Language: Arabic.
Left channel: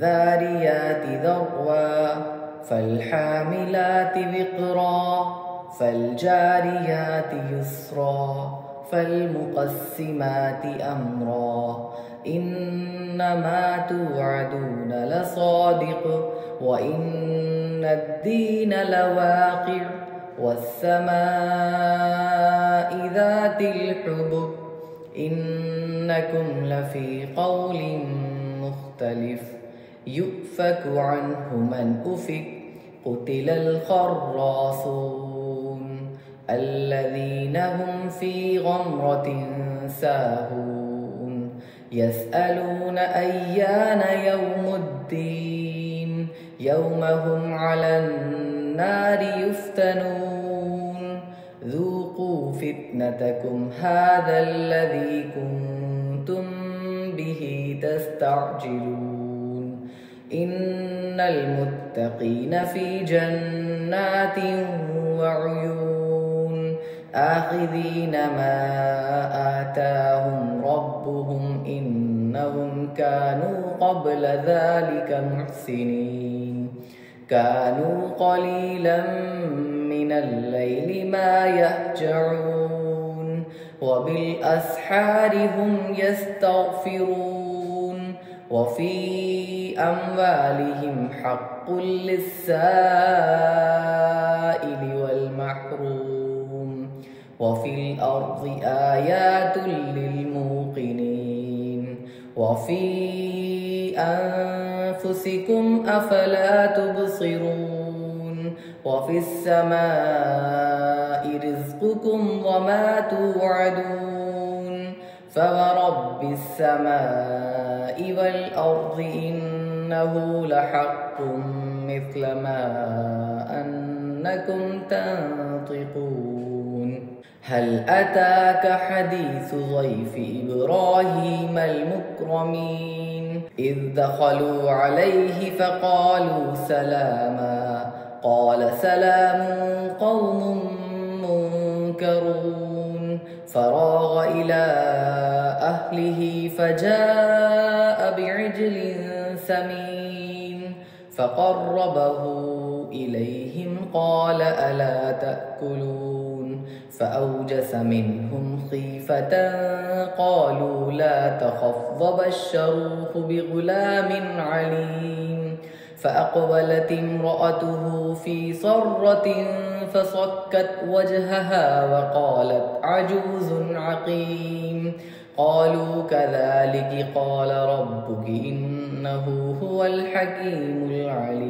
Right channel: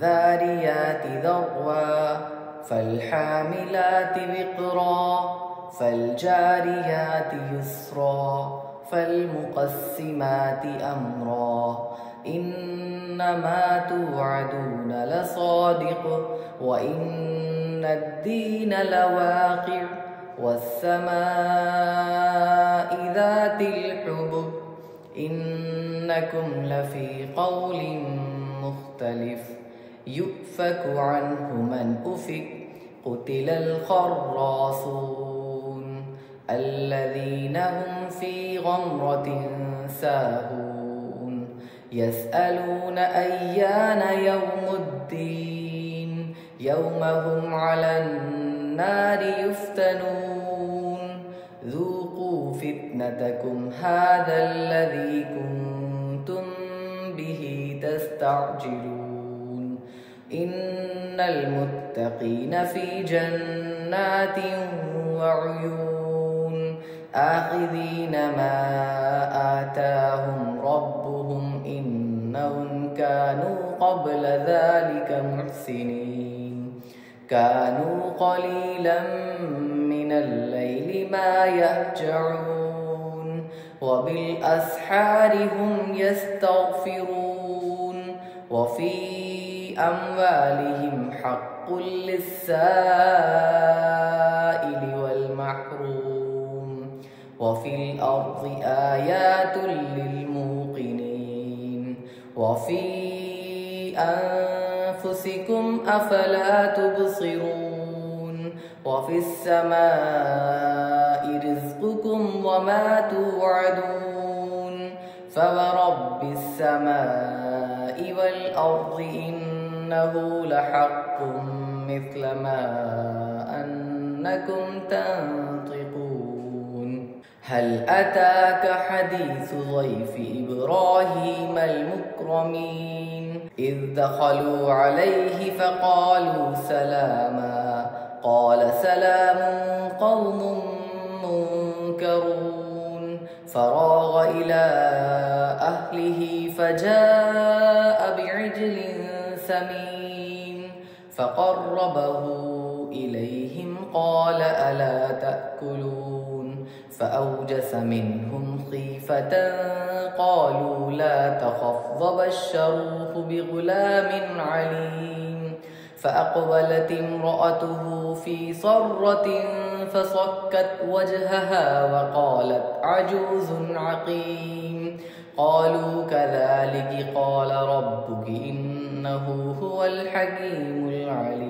فالذاريات ذروا فالحاملات وقرا فالجاريات يسرا فالمقسمات أمرا إنما توعدون لصادق وإن الدين لواقع والسماء ذات الحبك إنكم لفي قول مختلف يؤفك عنه من أفك قتل الخراصون الذين هم في غمرة ساهون يسألون أيان يوم الدين يوم هم على النار يفتنون ذوقوا فتنتكم هذا الذي كنتم به تستعجلون إن المتقين في جنات وعيون آخذين ما آتاهم ربهم إنهم كانوا قبل ذلك محسنين كانوا قليلا من الليل ما يهجعون وبالأسحار هم يستغفرون وفي أموالهم حق للسائل والمحروم وفي الأرض آيات للموقنين وفي أنفسكم أفلا تبصرون وفي السماء رزقكم وما توعدون فورب السماء والأرض إنه لحق مثل ما أنكم تنطقون هل أتاك حديث ضيف إبراهيم المكرمين إذ دخلوا عليه فقالوا سلاما قال سلام قوم منكرون فراغ إلى أهله فجاء بعجل سمين فقربه إليهم قال ألا تأكلون فأوجس منهم خيفة قالوا لا تخف وبشروه بغلام عليم فأقبلت امرأته في صرة فصكت وجهها وقالت عجوز عقيم قالوا كذلك قال ربك إنه هو الحكيم العليم